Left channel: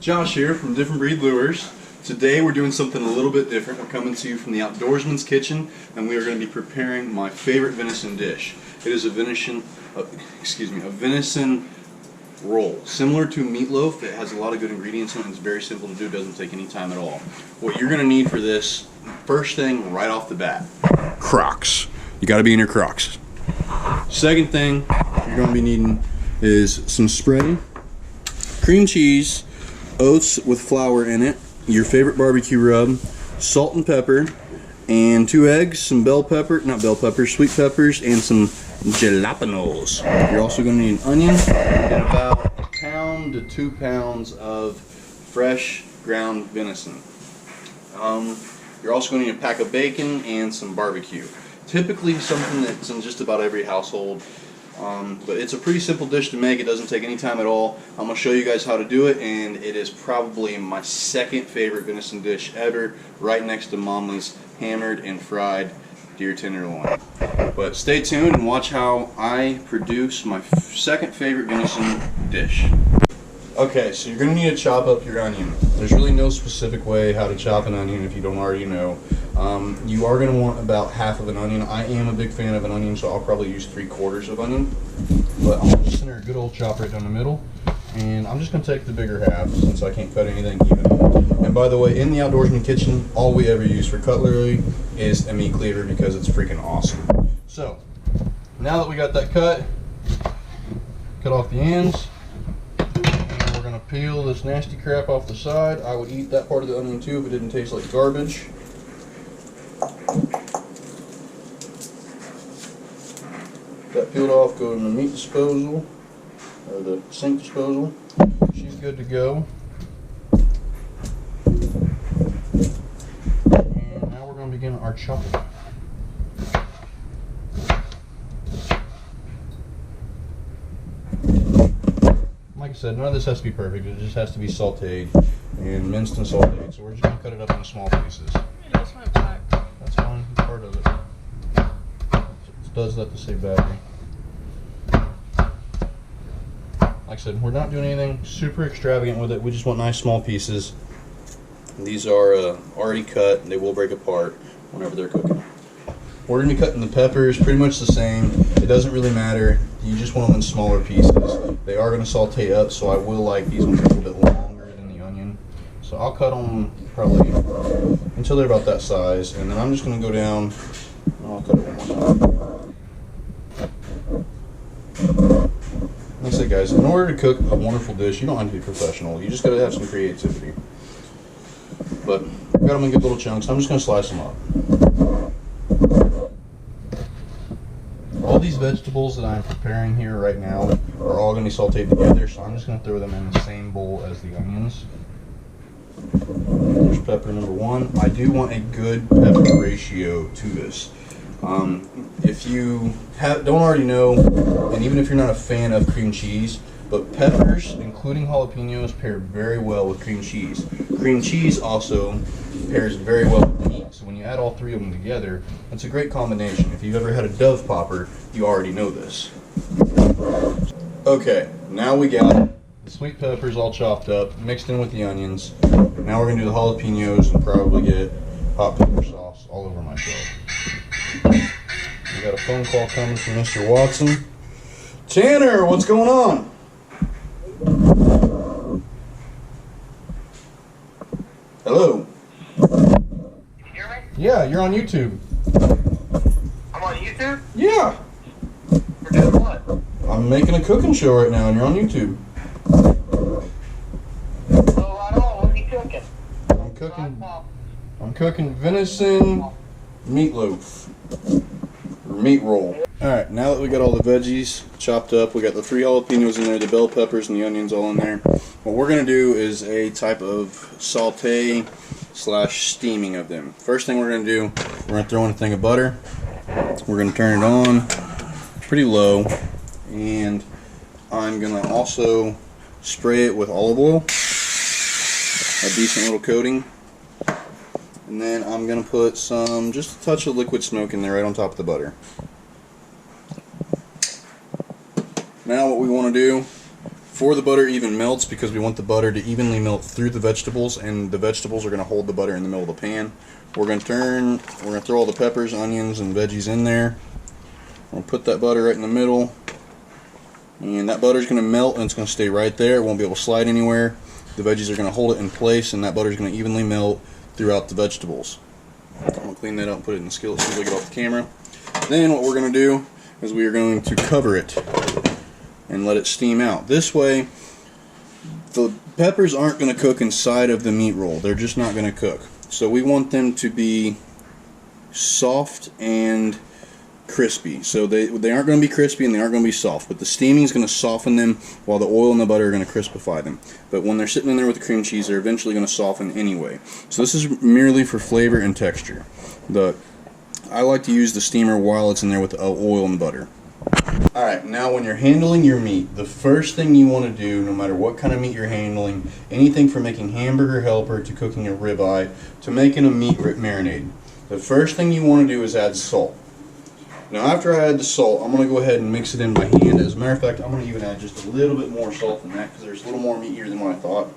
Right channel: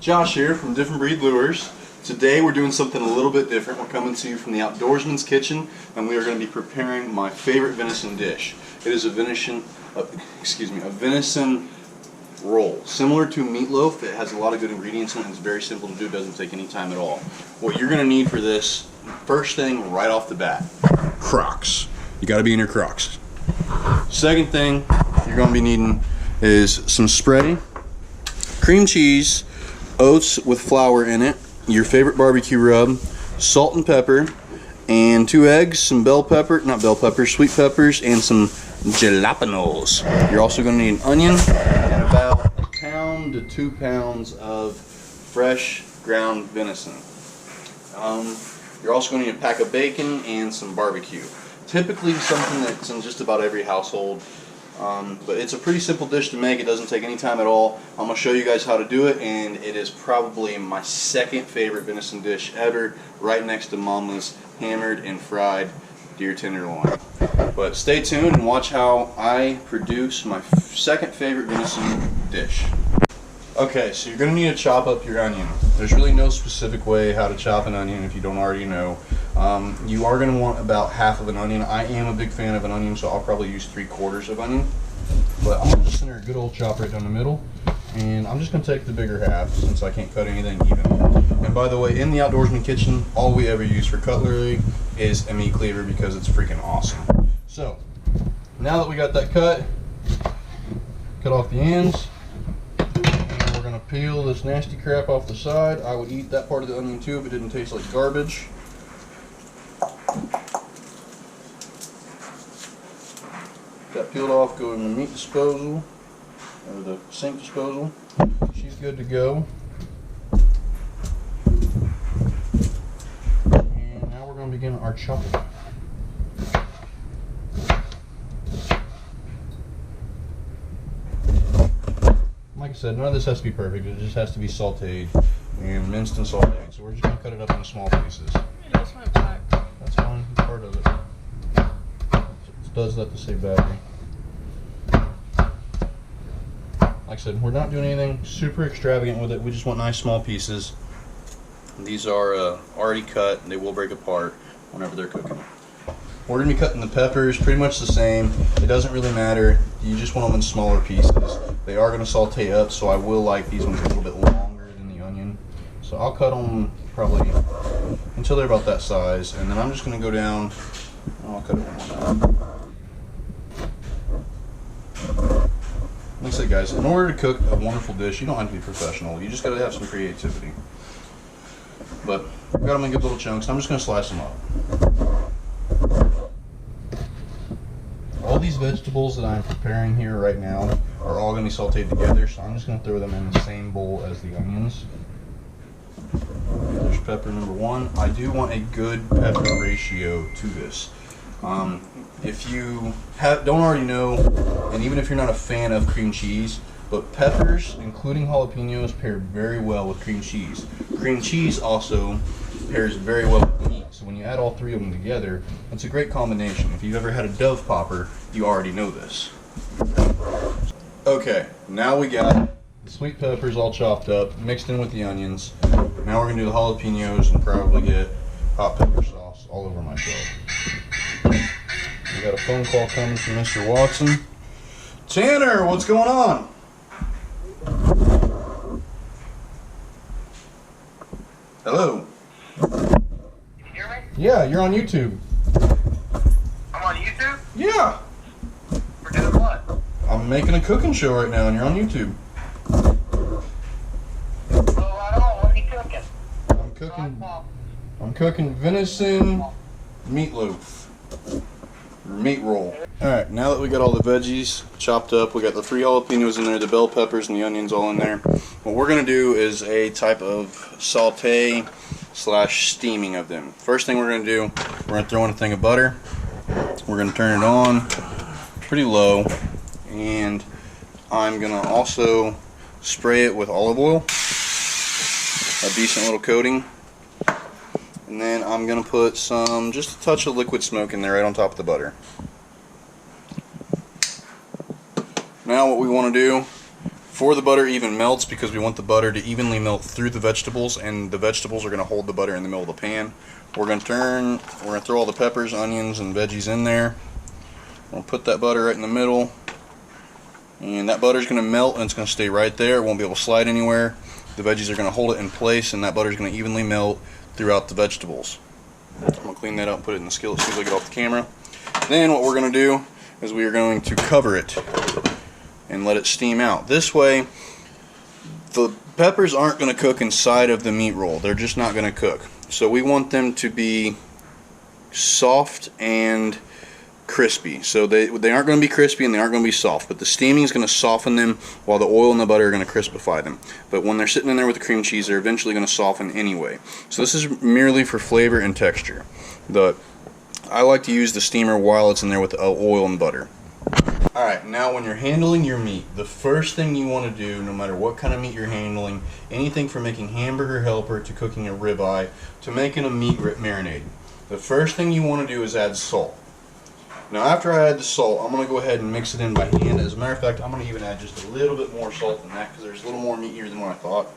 Josh here from Different Breed Lures. Today we're doing something a little bit different. We're coming to you from the Outdoorsman's Kitchen, and we are going to be preparing my favorite venison dish. It is a venison roll. Similar to meatloaf, it has a lot of good ingredients in it. It's very simple to do. It doesn't take any time at all. What you're going to need for this, first thing right off the bat, Crocs. You got to be in your Crocs. Second thing you're going to be needing is some spray, cream cheese, oats with flour in it, your favorite barbecue rub, salt and pepper, and 2 eggs, some sweet peppers, and some jalapenos. You're also going to need an onion and about 1 pound to 2 pounds of fresh ground venison. You're also going to need a pack of bacon and some barbecue. Typically something that's in just about every household. But it's a pretty simple dish to make. It doesn't take any time at all. I'm going to show you guys how to do it, and it is probably my second favorite venison dish ever, right next to Mama's hammered and fried deer tenderloin. But stay tuned and watch how I produce my second favorite venison dish. Okay, so you're going to need to chop up your onion. There's really no specific way how to chop an onion if you don't already know. You are going to want about half of an onion. I am a big fan of an onion, so I'll probably use 3/4 of onion. But I'm just center a good old chop right down the middle. And I'm just going to take the bigger half since I can't cut anything even. And by the way, in the Outdoorsman Kitchen, all we ever use for cutlery is a meat cleaver because it's freaking awesome. So, now that we got that cut off the ends. We're going to peel this nasty crap off the side. I would eat that part of the onion too if it didn't taste like garbage. That peeled off, go in the meat disposal, or the sink disposal. She's good to go. And now we're going to begin our chopping. Like I said, none of this has to be perfect. It just has to be sauteed and minced and sauteed. So we're just going to cut it up into small pieces. That's fine. That's fine. It's part of it. It does that to save battery. Like I said, we're not doing anything super extravagant with it. We just want nice small pieces. And these are already cut, and they will break apart whenever they're cooking. We're going to be cutting the peppers pretty much the same. It doesn't really matter. You just want them in smaller pieces. They are going to saute up, so I will like these ones a little bit longer than the onion. So I'll cut them probably until they're about that size, and then I'm just going to go down. I'll cut it one more time. Like I said, guys, in order to cook a wonderful dish, you don't have to be professional. You just got to have some creativity. But I've got them in good little chunks. I'm just going to slice them up. All these vegetables that I'm preparing here right now are all going to be sauteed together, so I'm just going to throw them in the same bowl as the onions. There's pepper number 1. I do want a good pepper ratio to this. If you don't already know, and even if you're not a fan of cream cheese, but peppers, including jalapenos, pair very well with cream cheese. Cream cheese also pairs very well with meat. So when you add all 3 of them together, it's a great combination. If you've ever had a Dove popper, you already know this. Okay, now we got the sweet peppers all chopped up, mixed in with the onions. Now we're going to do the jalapenos and probably get hot pepper sauce all over myself. We got a phone call coming from Mr. Watson. Tanner, what's going on? Hello. Can you hear me? Yeah, you're on YouTube. I'm on YouTube? Yeah. For doing what? I'm making a cooking show right now, and you're on YouTube. Well, right on. What are you cooking? I'm cooking venison meatloaf. Or meat roll. Alright, now that we got all the veggies chopped up, we got the 3 jalapenos in there, the bell peppers and the onions all in there. What we're going to do is a type of saute / steaming of them. First thing we're going to do, we're going to throw in a thing of butter. We're going to turn it on pretty low, and I'm going to also spray it with olive oil, a decent little coating. And then I'm going to put just a touch of liquid smoke in there right on top of the butter. Now what we want to do, before the butter even melts, because we want the butter to evenly melt through the vegetables, and the vegetables are going to hold the butter in the middle of the pan. We're going to throw all the peppers, onions, and veggies in there. We're going to put that butter right in the middle, and that butter is going to melt and it's going to stay right there. It won't be able to slide anywhere. The veggies are going to hold it in place, and that butter is going to evenly melt throughout the vegetables. I'm going to clean that up and put it in the skillet as soon as I get off the camera. Then what we're going to do is we are going to cover it and let it steam out. This way, the peppers aren't going to cook inside of the meat roll. They're just not going to cook. So we want them to be soft and crispy. So they aren't going to be crispy and they aren't going to be soft, but the steaming is going to soften them while the oil and the butter are going to crispify them. But when they're sitting in there with the cream cheese, they're eventually going to soften anyway. So this is merely for flavor and texture. I like to use the steamer while it's in there with the oil and butter. Alright, now when you're handling your meat, the first thing you want to do, no matter what kind of meat you're handling, anything from making hamburger helper to cooking a ribeye to making a meat marinade, the first thing you want to do is add salt. Now after I add the salt, I'm going to go ahead and mix it in by hand. As a matter of fact, I'm going to even add just a little bit more salt than that because there's a little more meat here than what I thought.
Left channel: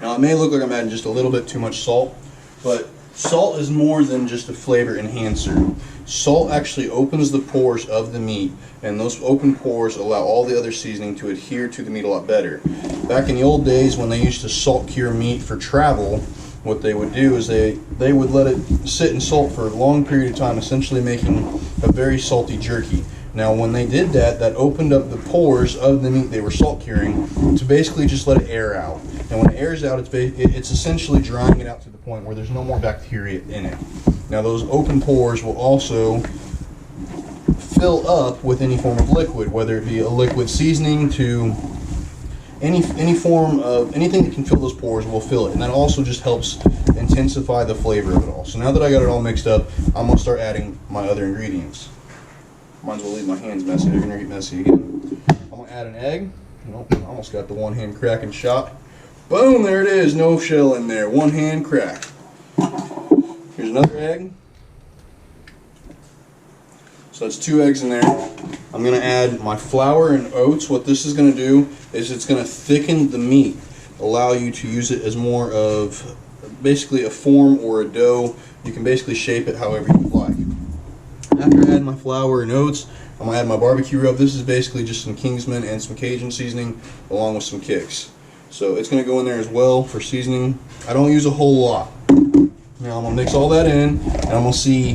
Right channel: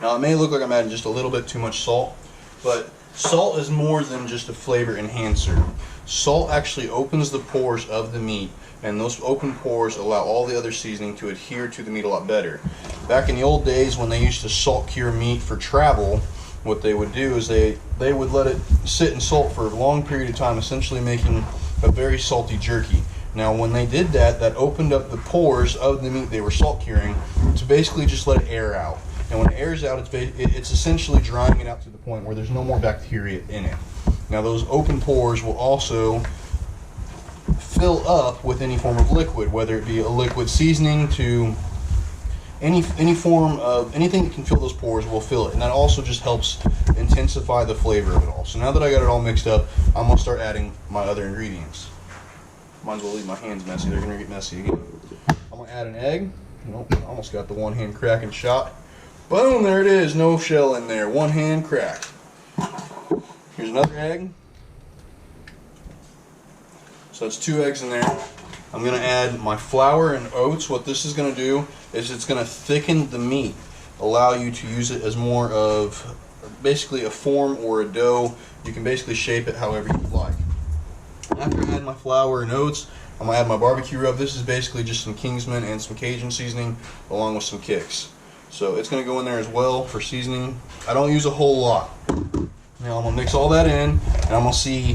Now it may look like I'm adding just a little bit too much salt, but salt is more than just a flavor enhancer. Salt actually opens the pores of the meat, and those open pores allow all the other seasoning to adhere to the meat a lot better. Back in the old days when they used to salt cure meat for travel, what they would do is they would let it sit in salt for a long period of time, essentially making a very salty jerky. Now when they did that, that opened up the pores of the meat they were salt curing to basically just let it air out. And when it airs out, it's essentially drying it out to the point where there's no more bacteria in it. Now those open pores will also fill up with any form of liquid, whether it be a liquid seasoning to any form of anything that can fill those pores will fill it, and that also just helps intensify the flavor of it all. So now that I got it all mixed up, I'm going to start adding my other ingredients. Might as well leave my hands messy, they're going to get messy again. I'm going to add an egg. Nope, I almost got the one hand cracking shot. Boom, there it is, no shell in there, one hand crack. Here's another egg. So that's 2 eggs in there. I'm going to add my flour and oats. What this is going to do is it's going to thicken the meat, allow you to use it as more of basically a form or a dough. You can basically shape it however you like. After I add my flour and oats, I'm going to add my barbecue rub. This is basically just some Kingsman and some Cajun seasoning along with some Kicks. So it's going to go in there as well for seasoning. I don't use a whole lot. Now I'm going to mix all that in, and I'm going to see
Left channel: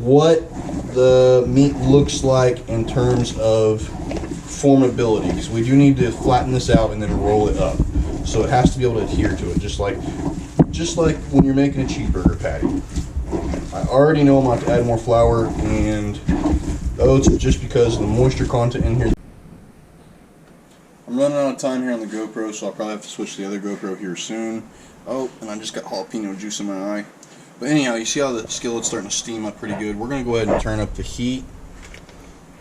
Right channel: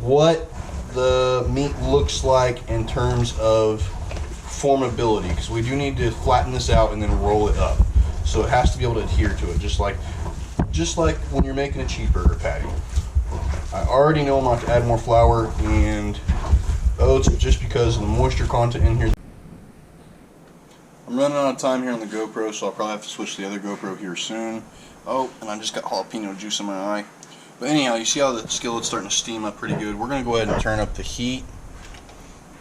what the meat looks like in terms of formability, because we do need to flatten this out and then roll it up. So it has to be able to adhere to it, just like when you're making a cheeseburger patty. I already know I'm going to have to add more flour and oats just because of the moisture content in here. I'm running out of time here on the GoPro, so I'll probably have to switch to the other GoPro here soon. Oh, and I just got jalapeno juice in my eye. But anyhow, you see how the skillet's starting to steam up pretty good. We're going to go ahead and turn up the heat.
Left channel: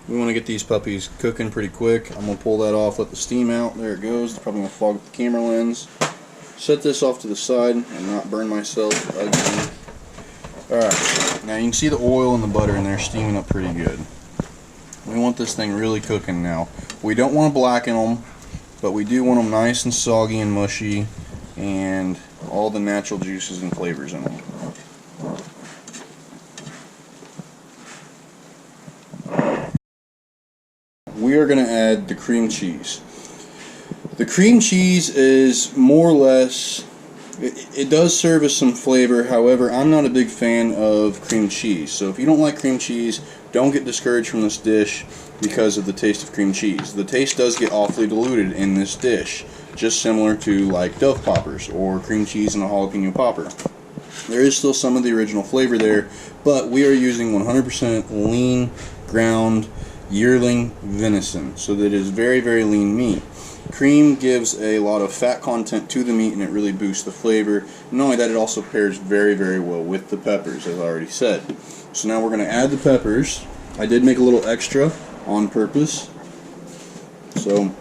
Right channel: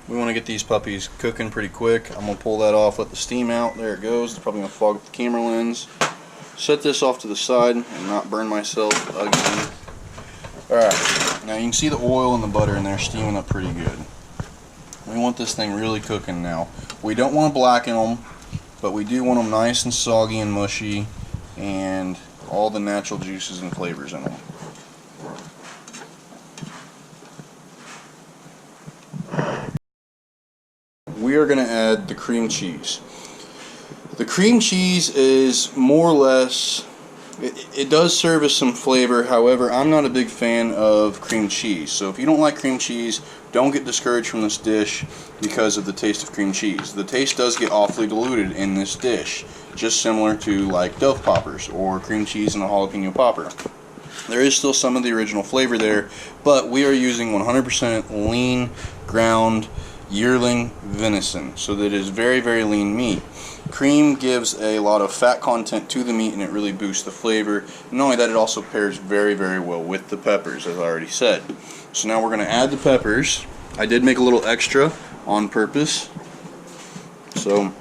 We want to get these puppies cooking pretty quick. I'm going to pull that off, let the steam out. There it goes. It's probably going to fog up the camera lens. Set this off to the side and not burn myself again. Alright, now you can see the oil and the butter in there steaming up pretty good. We want this thing really cooking now. We don't want to blacken them, but we do want them nice and soggy and mushy and all the natural juices and flavors in them. We are going to add the cream cheese. The cream cheese is more or less, it does serve as some flavor. However, I'm not a big fan of cream cheese. So if you don't like cream cheese, don't get discouraged from this dish because of the taste of cream cheese. The taste does get awfully diluted in this dish, just similar to like Dove poppers or cream cheese and a jalapeno popper. There is still some of the original flavor there, but we are using 100% lean ground yearling venison, so that it is very, very lean meat. Cream gives a lot of fat content to the meat and it really boosts the flavor. And not only that, it also pairs very, very well with the peppers, as I already said. So now we're going to add the peppers. I did make a little extra on purpose. So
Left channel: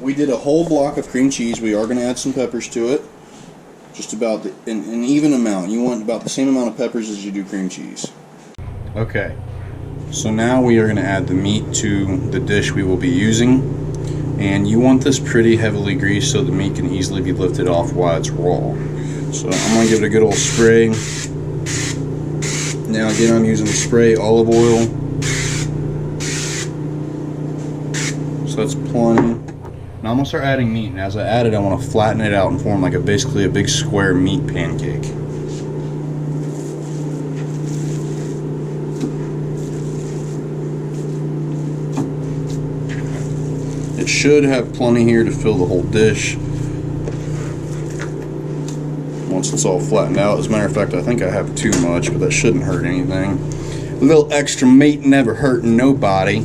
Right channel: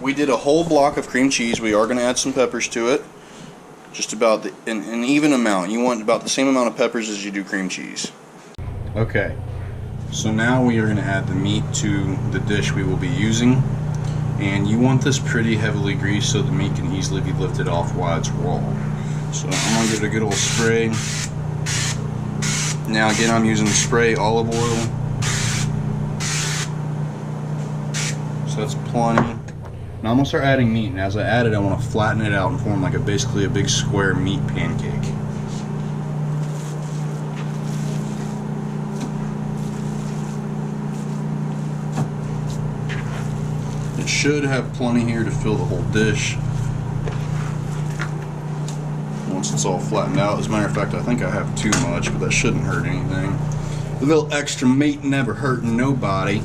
we did a whole block of cream cheese. We are going to add some peppers to it. Just about an even amount. You want about the same amount of peppers as you do cream cheese. Okay. So now we are going to add the meat to the dish we will be using, and you want this pretty heavily greased so the meat can easily be lifted off while it's raw. So I'm going to give it a good old spray. Now again, I'm using the spray olive oil, so that's plenty. Now I'm going to start adding meat, and as I add it, I want to flatten it out and form like basically a big square meat pancake. It should have plenty here to fill the whole dish once it's all flattened out. As a matter of fact, I think I have too much, but that shouldn't hurt anything. A little extra meat never hurting nobody.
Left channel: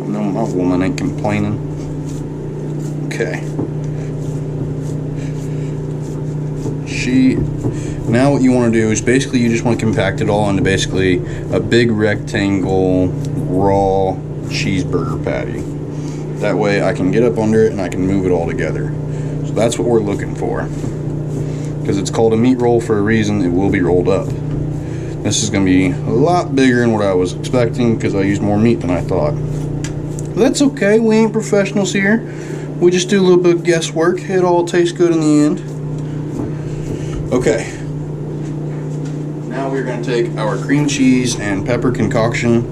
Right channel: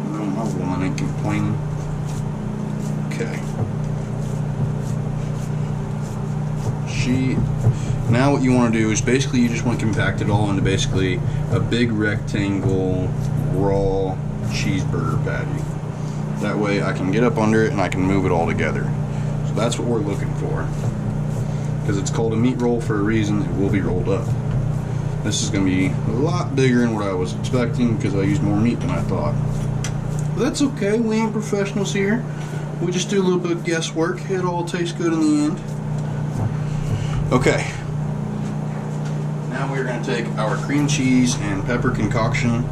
I know my woman ain't complaining. Okay. Now what you want to do is basically you just want to compact it all into basically a big rectangle raw cheeseburger patty. That way I can get up under it and I can move it all together. So that's what we're looking for. Because it's called a meat roll for a reason, it will be rolled up. This is going to be a lot bigger than what I was expecting because I used more meat than I thought. But that's okay, we ain't professionals here. We just do a little bit of guesswork. It all tastes good in the end. Okay, now we're going to take our cream cheese and pepper concoction.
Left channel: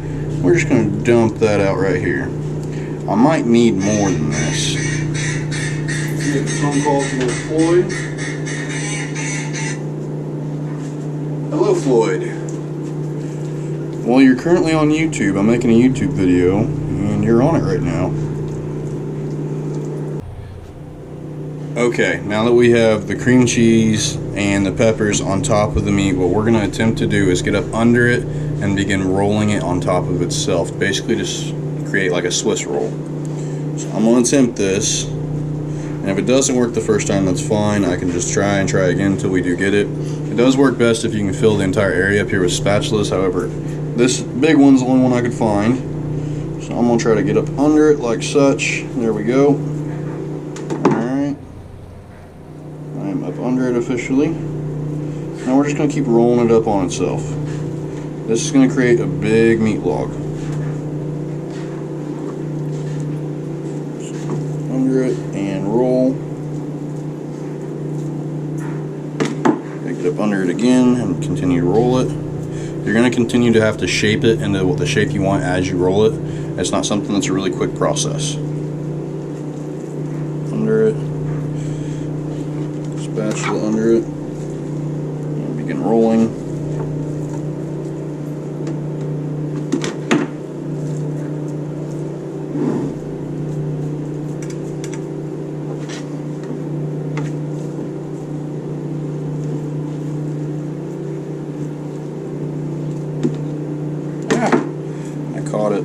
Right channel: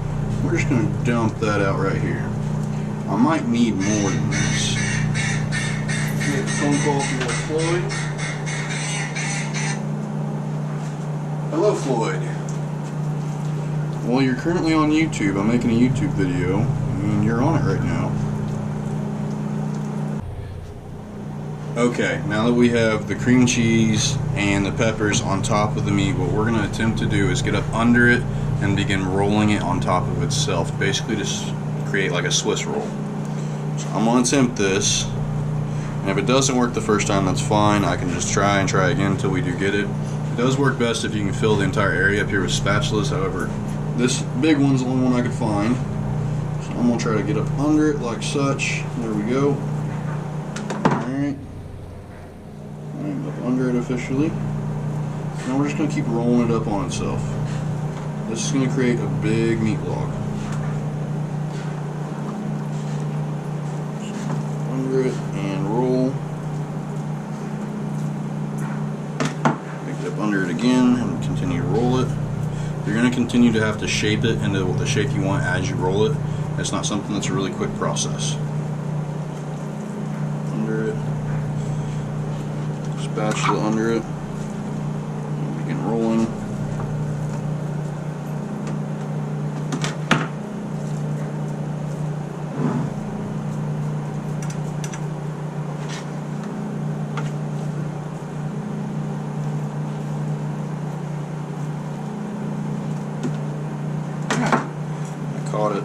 We're just going to dump that out right here. I might need more than this. We have a phone call from little Floyd. Hello, Floyd. Well, you're currently on YouTube. I'm making a YouTube video, and you're on it right now. Okay, now that we have the cream cheese and the peppers on top of the meat, what we're going to attempt to do is get up under it and begin rolling it on top of itself. Basically just create like a Swiss roll. So I'm going to attempt this, and if it doesn't work the first time, that's fine. I can just try and try again until we do get it. It does work best if you can fill the entire area up here with spatulas. However, this big one's the only one I could find. So I'm going to try to get up under it like such. There we go. I'm up under it officially. Now we're just going to keep rolling it up on itself. This is going to create a big meat log. So under it and roll. Make it up under it again and continue to roll it. You're going to continue to have to shape it into the shape you want as you roll it. It's not something that's a really quick process. Under it. Spatula under it, and begin rolling. I caught it.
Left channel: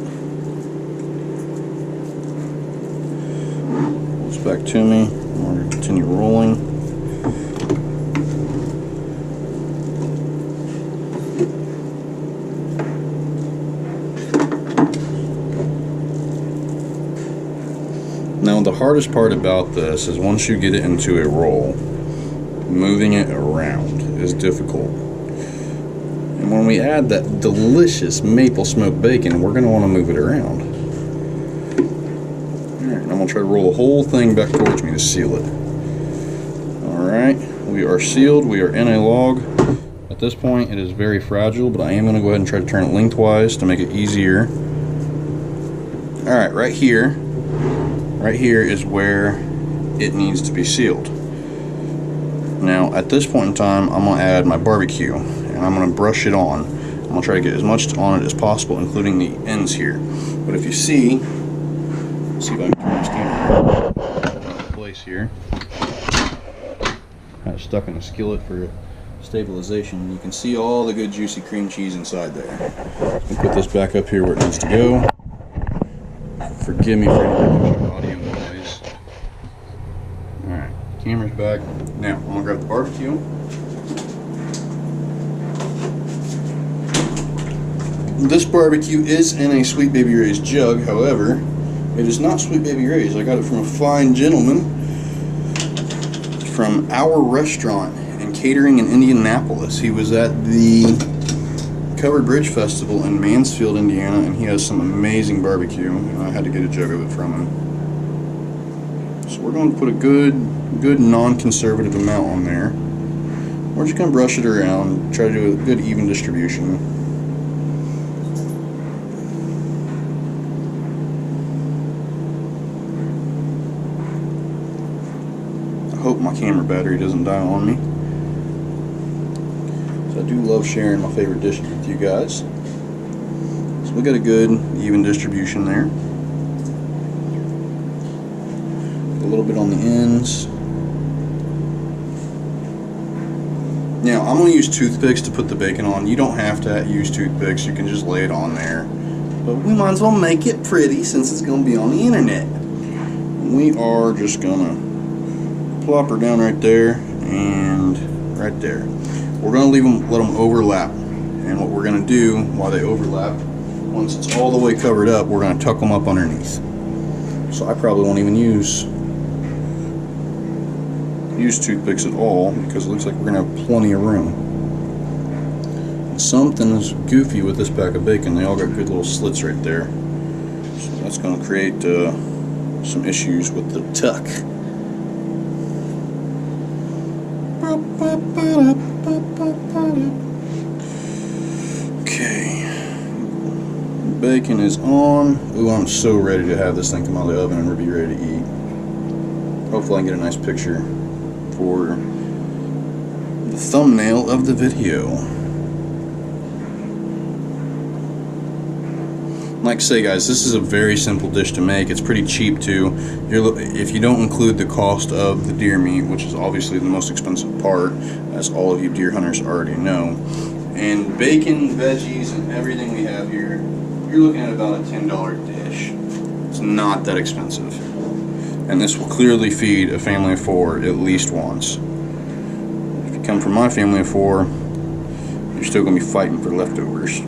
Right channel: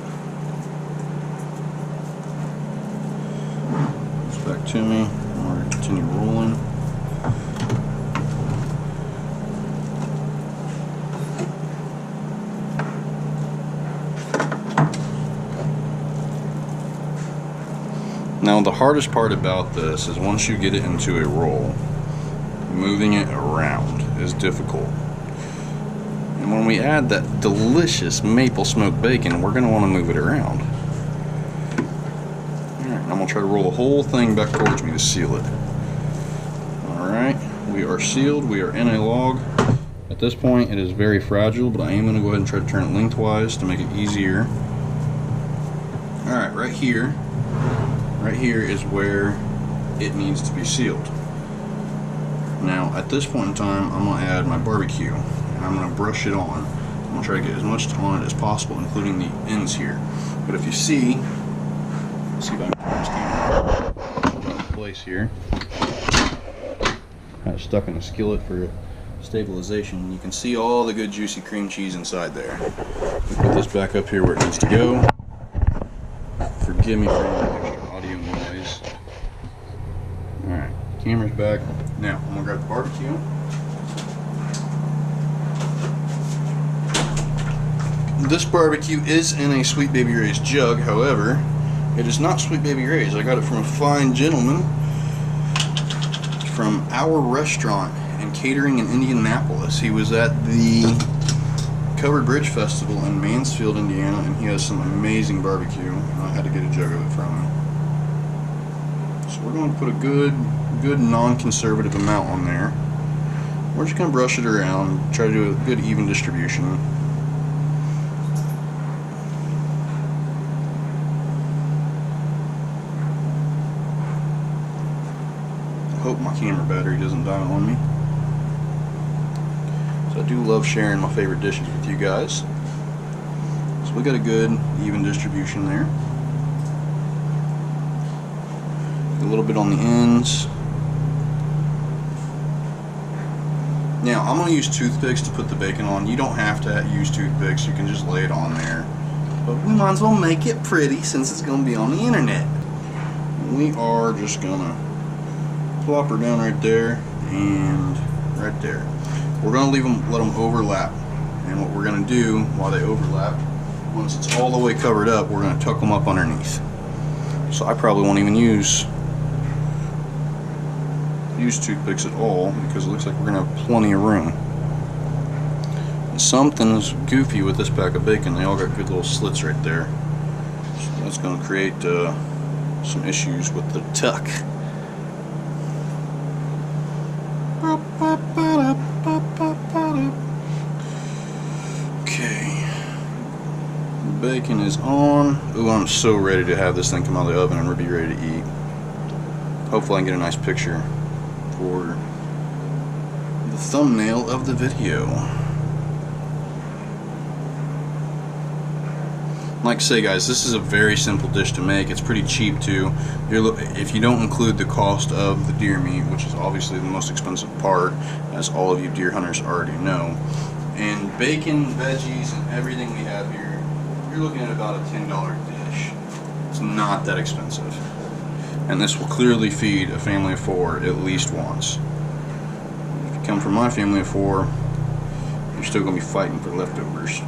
It's back to me. I'm going to continue rolling. Now the hardest part about this is once you get it into a roll, moving it around is difficult. And when we add that delicious maple smoked bacon, we're going to want to move it around. Alright, I'm going to try to roll the whole thing back towards me to seal it. Alright, we are sealed, we are in a log. At this point it is very fragile, but I am going to go ahead and try to turn it lengthwise to make it easier. Alright, right here is where it needs to be sealed. Now at this point in time I'm going to add my barbecue and I'm going to brush it on. I'm going to try to get as much on it as possible, including the ends here. But if you see, let's see if I can turn this camera around in place here. Kind of stuck in the skillet for stabilization. You can see all the good juicy cream cheese inside there. I'll put this back up here where it needs to go. Forgive me for any extra audio noise. Alright, camera's back. Now, I'm going to grab the barbecue. This barbecue is in a Sweet Baby Ray's jug, however, it is not Sweet Baby Ray's. I got it from a fine gentleman from our restaurant and catering in Indianapolis. He was at the Covered Bridge Festival in Mansfield, Indiana, and he has some amazing barbecue, and I had to get a jug of it from him. So we're going to put a good non-conservative amount on there. We're just going to brush it around, try to do a good even distribution. I hope my camera battery doesn't die on me. So I do love sharing my favorite dishes with you guys. So we got a good even distribution there. A little bit on the ends. Now I'm going to use toothpicks to put the bacon on. You don't have to use toothpicks, you can just lay it on there. But we might as well make it pretty since it's going to be on the internet. We are just going to plop her down right there and right there. We're going to leave them, let them overlap. And what we're going to do while they overlap, once it's all the way covered up, we're going to tuck them up underneath. So I probably won't even use toothpicks at all because it looks like we're going to have plenty of room. And something's goofy with this pack of bacon. They all got good little slits right there. So that's going to create some issues with the tuck. Okay. Bacon is on. Ooh, I'm so ready to have this thing come out of the oven and be ready to eat. Hopefully I can get a nice picture for the thumbnail of the video. Like I say, guys, this is a very simple dish to make. It's pretty cheap too. If you don't include the cost of the deer meat, which is obviously the most expensive part, as all of you deer hunters already know, and bacon, veggies, and everything we have here, you're looking at about a $10 dish. It's not that expensive. And this will clearly feed a family of 4 at least once. If you come from my family of 4, you're still going to be fighting for leftovers.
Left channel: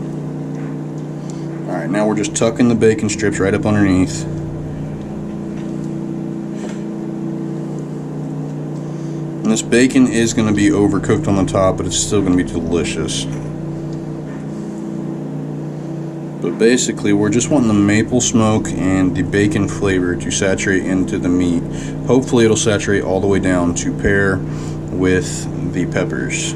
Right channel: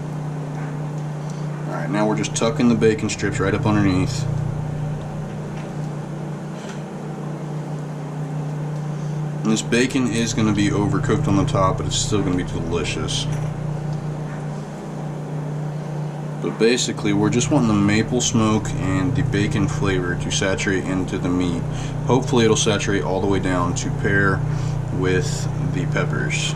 Alright, now we're just tucking the bacon strips right up underneath. And this bacon is going to be overcooked on the top, but it's still going to be delicious. But basically, we're just wanting the maple smoke and the bacon flavor to saturate into the meat. Hopefully it'll saturate all the way down to pair with the peppers.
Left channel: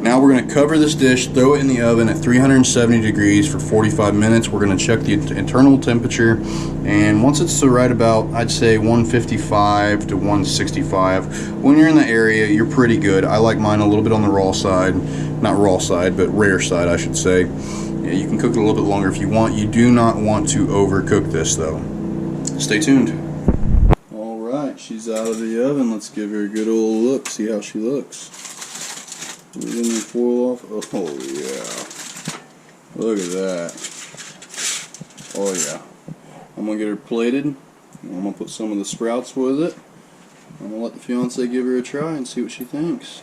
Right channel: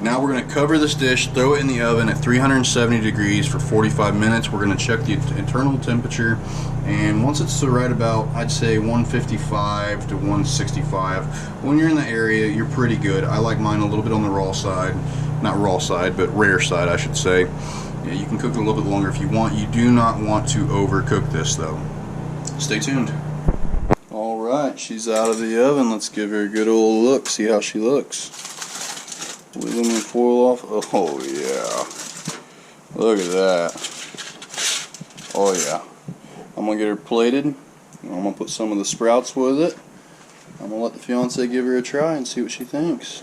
Now we're going to cover this dish, throw it in the oven at 370 degrees for 45 minutes. We're going to check the internal temperature, and once it's to right about, I'd say 155 to 165, when you're in the area, you're pretty good. I like mine a little bit on the raw side. Not raw side, but rare side, I should say. Yeah, you can cook it a little bit longer if you want. You do not want to overcook this though. Stay tuned. Alright, she's out of the oven. Let's give her a good old look, see how she looks. Aluminum foil off. Oh yeah. Look at that. Oh yeah. I'm going to get her plated. I'm going to put some of the sprouts with it. I'm going to let the fiance give her a try and see what she thinks.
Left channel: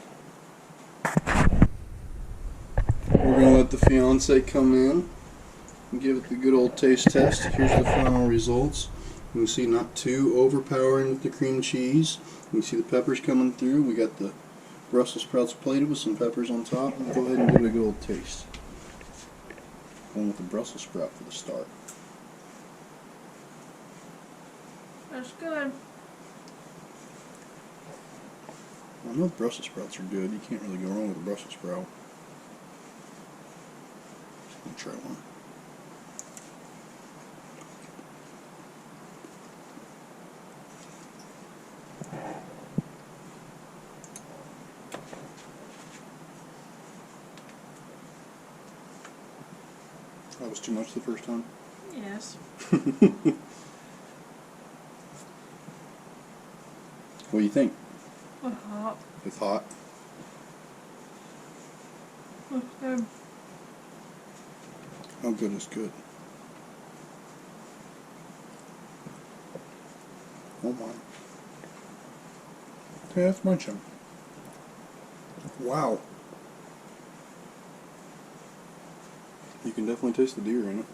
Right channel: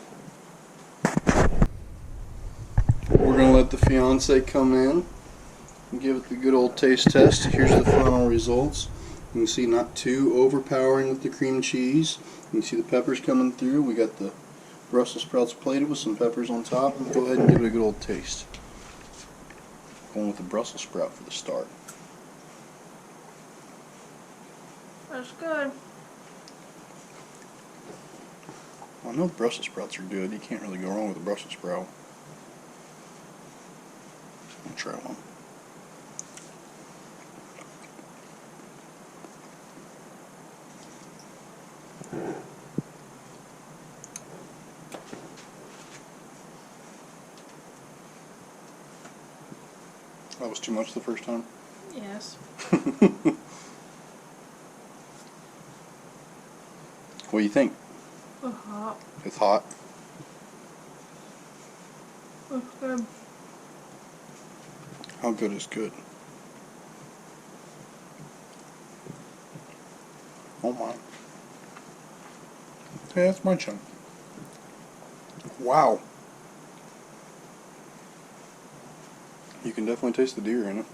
We're going to let the fiance come in and give it the good old taste test. Here's the final results. You can see not too overpowering with the cream cheese. You can see the peppers coming through. We got the Brussels sprouts plated with some peppers on top. And go ahead and give it a good old taste. Going with the Brussels sprout for the start. That's good. Well, I know Brussels sprouts are good. You can't really go wrong with a Brussels sprout. I'll try one. That was too much the first time? Yes. What do you think? It's hot. It's hot. That's good. How good is good? Oh my. Hey, that's my chunk. Wow. You can definitely taste the deer in it.